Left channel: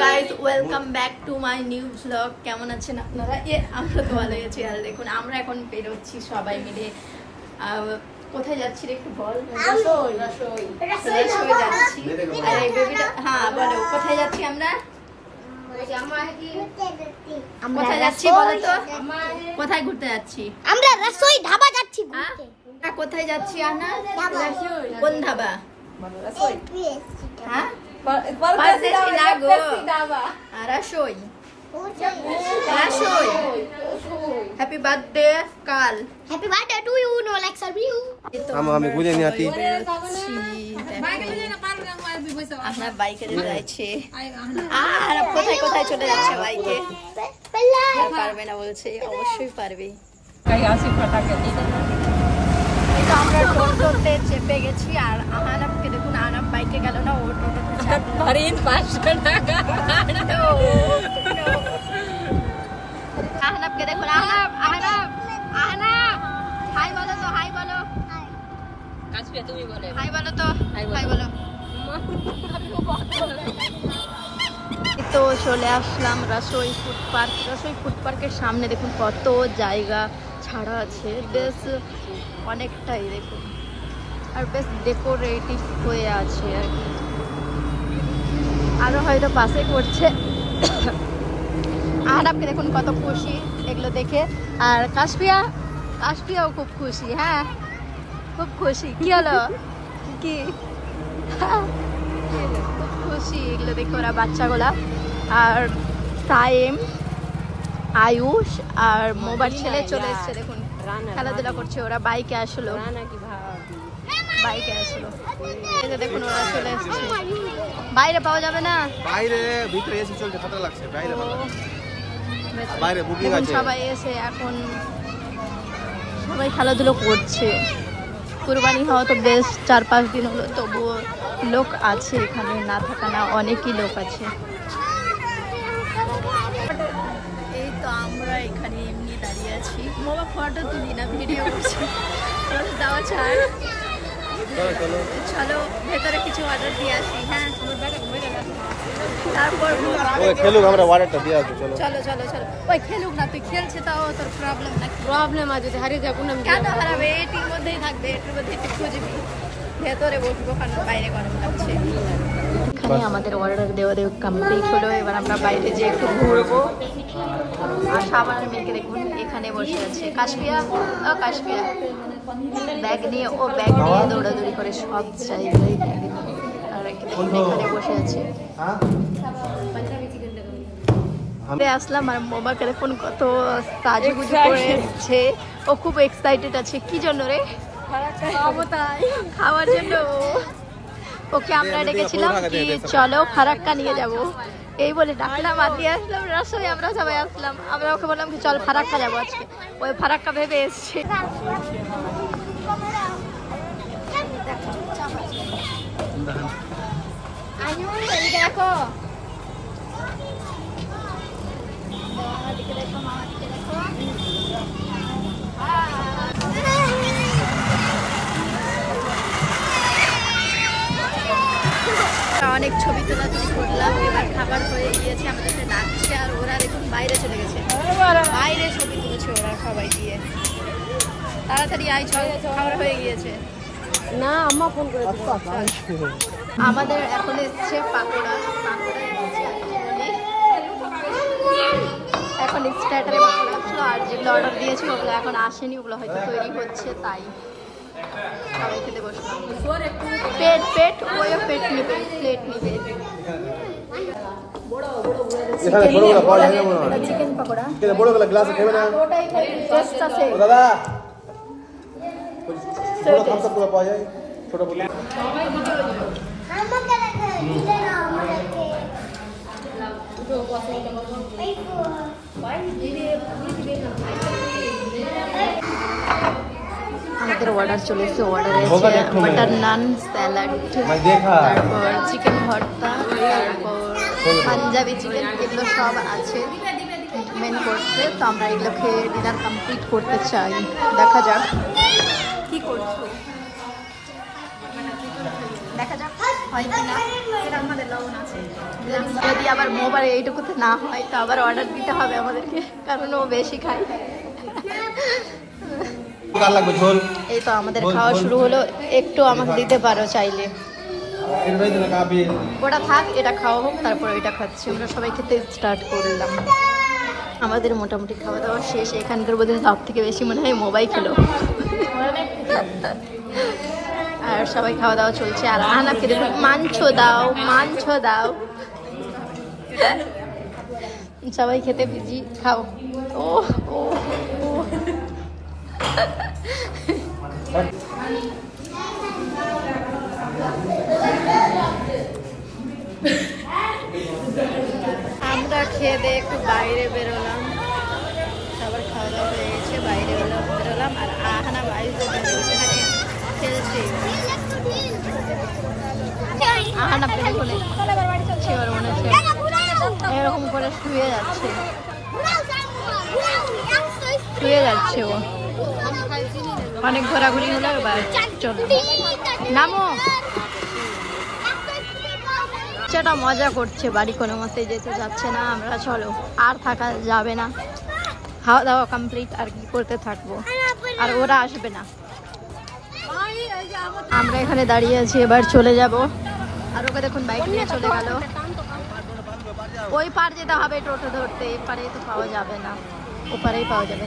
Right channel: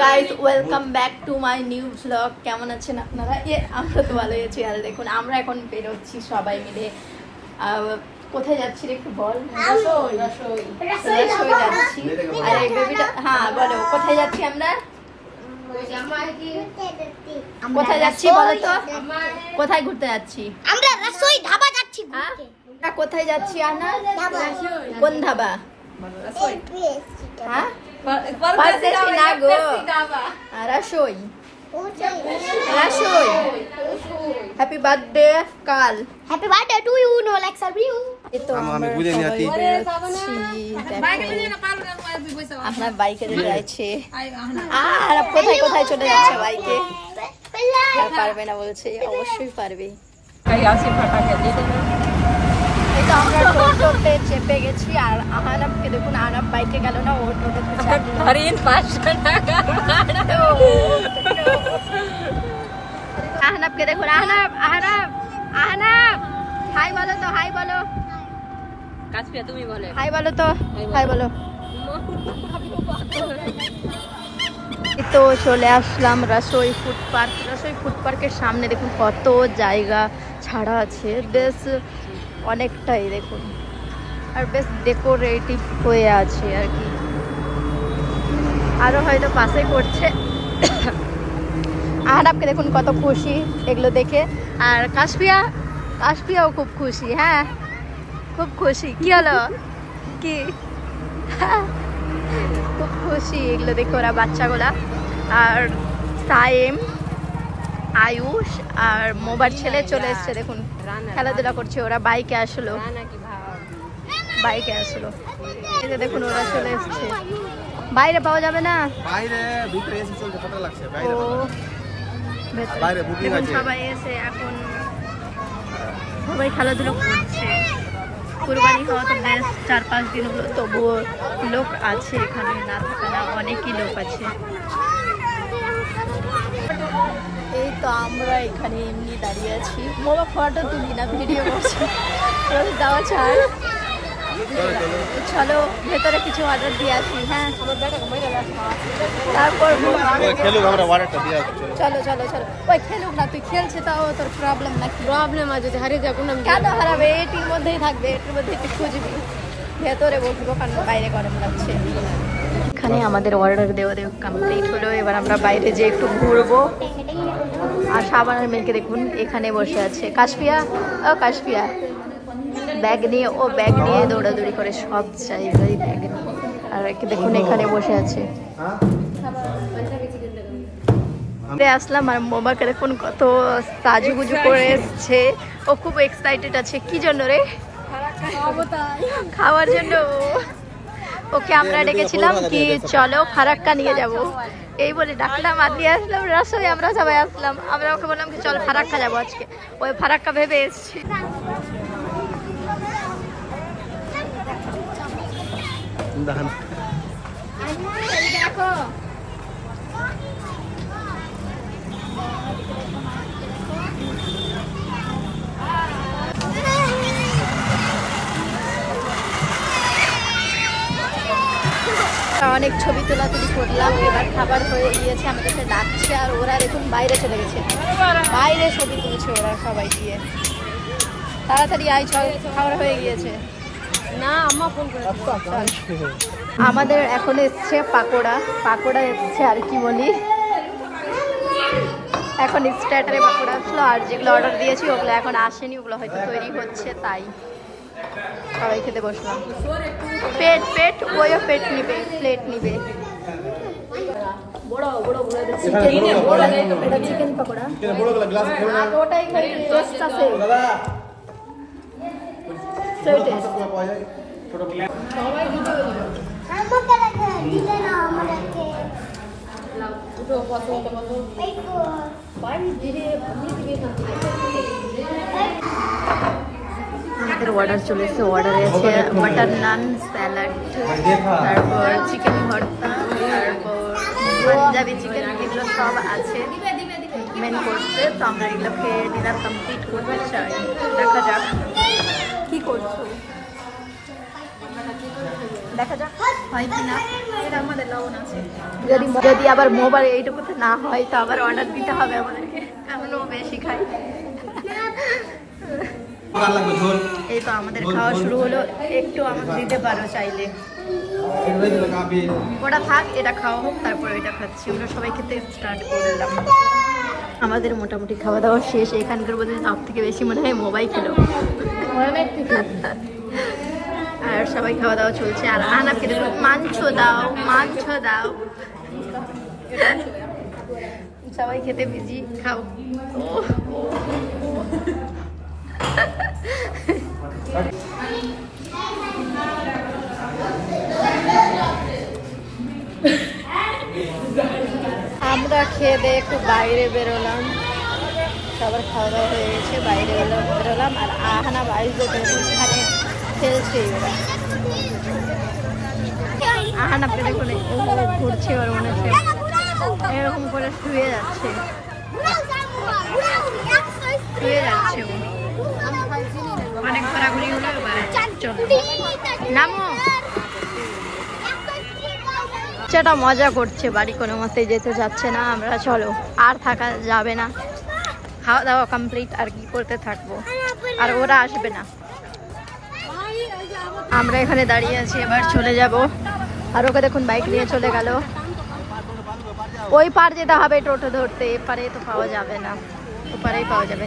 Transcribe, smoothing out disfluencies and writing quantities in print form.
Guys welcome back to my new blog. কেমন আছেন আপনারা? আমরা তো ভালোই আছি। আর দেখুন আমরা এখন বেরোচ্ছি সবাই মিলে। কোথায় যাচ্ছি একটু বল। হ্যাঁ বলো, কোথায় যাচ্ছি আমরা? কোথায় যাচ্ছি বলো তো? কোথায় ঘুরতে যাচ্ছি? আমরা রসোই ধাবা যাচ্ছি। হ্যাঁ কোথায় যাচ্ছি আনা? কোন ধাবা? হ্যাঁ পারদেশি না গো, রসোই। রসোই। হ্যাপি বার্থডে কাল। Happy birthday to you. No like serve you. এই তো আমরা সবাই বেরোচ্ছি। আমরা বাইকে যাচ্ছি। আর কোথায় কোথায় চলে যাচ্ছে বাইকে? আর পারবে না বলছে। অবশ্যই পারবে। এই তো আমরা টোটোতে চেপে গেছি। আর আহানাবকে দেখুন, আহানাব বাইকে গেল না, ও টোটোতে চাপলো। আহানাবকে দেখুন, আহানাব আহানাব আহানাব হাই বলো তো, হাই বলো। তুমি বলো হাই বলো তো, হাই বলো। তো চলে আসলাম Rasoi food park. Rasoi food পার্কের সামনে দেখুন কত জায়গা ছাড়া আছে, বেশ অনেকটাই দেখুন। আর বেশ ডেকোরেটিভ হয়ে আছে আর কি। আরো হয়তো পাশে করছে। আহানাবকে দেখুন কত খুশি এগুলো দেখে। আর কাশপিয়াও খুব খুশি। হ্যাঁ খুব খুশি। কি হলো কি? খুব খুশি এগুলো দেখে ওরা বাচ্চাগুলা। আর সাইম, আয়ুষ আর মোবার ছেলে চলে এসছে দেখুন, খেলাধুলা করছে। ওরা বাইকে আসলো, বাইকে আসলো। এই যে দেখুন ওরা চলে এসছে। বাইরে পাওয়া যাবে না, বাইরে ভিতরে এসে চলতে কত লাগছে বাইরে বাইরে বুকিং আছে। সবাই এসে এখন সবাই খেলাধুলো করছে। কুরবানি হওয়া তো বেশ 4-5 দিন হলো, তবুও লোক আছে এখানে, না থাকা না, অনেকই লোক আছে। এই তো আমরা এখানে এমনি দাঁড়িয়ে আছি। মোবাইল ফটো তুলি না, ভিডিও করছি। যাওয়া ছাড়, চলো ভেতরে কিছু অর্ডার দিয়ে আসি। হ্যাঁ তারপর চলো চলো চলো। ওই খেলুক না, তুই খেলছে তাও তোর প্রবলেম না? প্রবলেম আছে, হারিয়ে যাবো না। কেন হারাবে? এটির মধ্যেই থাকবে, এটির মধ্যে একটু খুঁজবি। ভেতরে বসবো কারণ বাইরে গরম লাগছে। এখানে আমাদের অর্ডার দেওয়া কমপ্লিট হলো। এবার আমরা বাইরে যেয়ে একটু ঘুরবো। আর সাবানের মেয়েকে দেখুন এখানে বসে আছে। কাশপিয়া, ও কাশপিয়া ব্যাগ নিয়ে, ও ব্যাগ নিয়ে দৌড়াদৌড়ি করে সব জায়গায় ব্যাগ নিয়ে। আর দেখুন এখানে বসে আছে। আসলাম আর মোবাকে দেখুন কত সাজুগুজু করে এসছে। ও খুব এক্সাইটেড আছে। কি জন্য রে? খাওয়ার জন্য। ওকে আমরা ডেকেছিলাম কি চলো ফারাক্কা নিয়ে যাব, এই বলে ডাকলাম। আর দিয়ে আসলাম রসোই। আমরা সবাই আসলাম। আমরা ওকে বললাম কি চল ফারাক্কা যাবো আজকে। ওই ফারাক্কা ভেবে এসছে। দেখো অনেক ছবি তোলা করলাম। এবার খাবার হয়ে গিয়েছে, আমাদের ডাকছে। আর ওরা দেখুন বাইরে চলে গেছে, বাইরে ছবি তুলেছে ওরা সবাই গিয়ে। তাড়াতাড়ি আয়, চল খাবার হয়ে গিয়েছে। আমাদের এখন এসছে পাকোড়া। পাকোড়া এসছে আর কি বলি, এখন স্টার্টারে পাকোড়া আসলো। আর যেগুলো অর্ডার দিয়েছি ওগুলো এখন আসেনি, ওগুলো হয়তো তৈরি হচ্ছে, তাই সবাই খেতে বসলাম। প্লেট ওইও প্লেট নিবে, প্লেট নিবে। চিকেন পকোড়া আমাদের অর্ডার চলে এসেছে। অর্ডারে আছে বাটার নান, স্যালাড, তারপর চিকেন ভর্তা, তারপর পাঞ্জাবি চিকেন, এগুলো সব আছে মেন কোর্সে। তো আমরা এগুলো খেয়ে ডিনার কমপ্লিট করতে চাই। দেখা যাক কি করছো, দেখা যাক। হয় কিনা, এটা আমাদের লবণ আছে। যদি আবার মোবাইল এইটুকুতে না হয় তো আবার অর্ডার দিতে হবে আমাদেরকে, কারণ ও বেশি খায়। এই তো আমাদের খাওয়া শুরু হলো, একটু আমাকে দিতে পারো চাইলে। ওটা থাক, এটা খাওয়া হোক, তারপর ওইটা খাচ্ছি। আমরা সবাই খেতে স্টার্ট করলাম। আমাদের মোটামুটি খাওয়া দাওয়া শেষ। এখানকার বোধ হয় সব থেকে বেশি মনে হয় মোবাইল খেলো। আর সবাই খাওয়া দাওয়া চলছে। আর আনাকে দেখুন, মাংস দাও, মাংস দাও। সবাই খেতে বিজি, খাও। ও ও ও আমরা খেয়ে দিয়ে একটু বাইরে বেরোলাম। সবার খাওয়া দাওয়া হয়ে গেছে, বাইরে বেরোলাম। আর আহানা বাইরে খেলছে। আহানা পেটে করে ঘুরছে, আর মনে হচ্ছে এরকম করে শুয়ে যাচ্ছে, শুয়ে যাচ্ছে। ও অনেক ঘোরাঘুরি হলো, এবার চলো নামো। সেটা মজা করছে, বাড়ি কোনো মতেই যেতে যাচ্ছে না। আমরা চলো, আর থাকা যাবে না, খাওয়া দাওয়া কমপ্লিট, আর কি করতে থাকবো, আর ওরা আসবে না। আমরা এখানে দাঁড়িয়ে আছি, এবার চলে যাব। আর ওকে দেখুন বাইক নিয়ে চলে গেল। ওই পার যেতে হবে টোটো ধরতে, এপারে তো পাওয়া যাবে না, ওপারেই পাওয়া যাবে।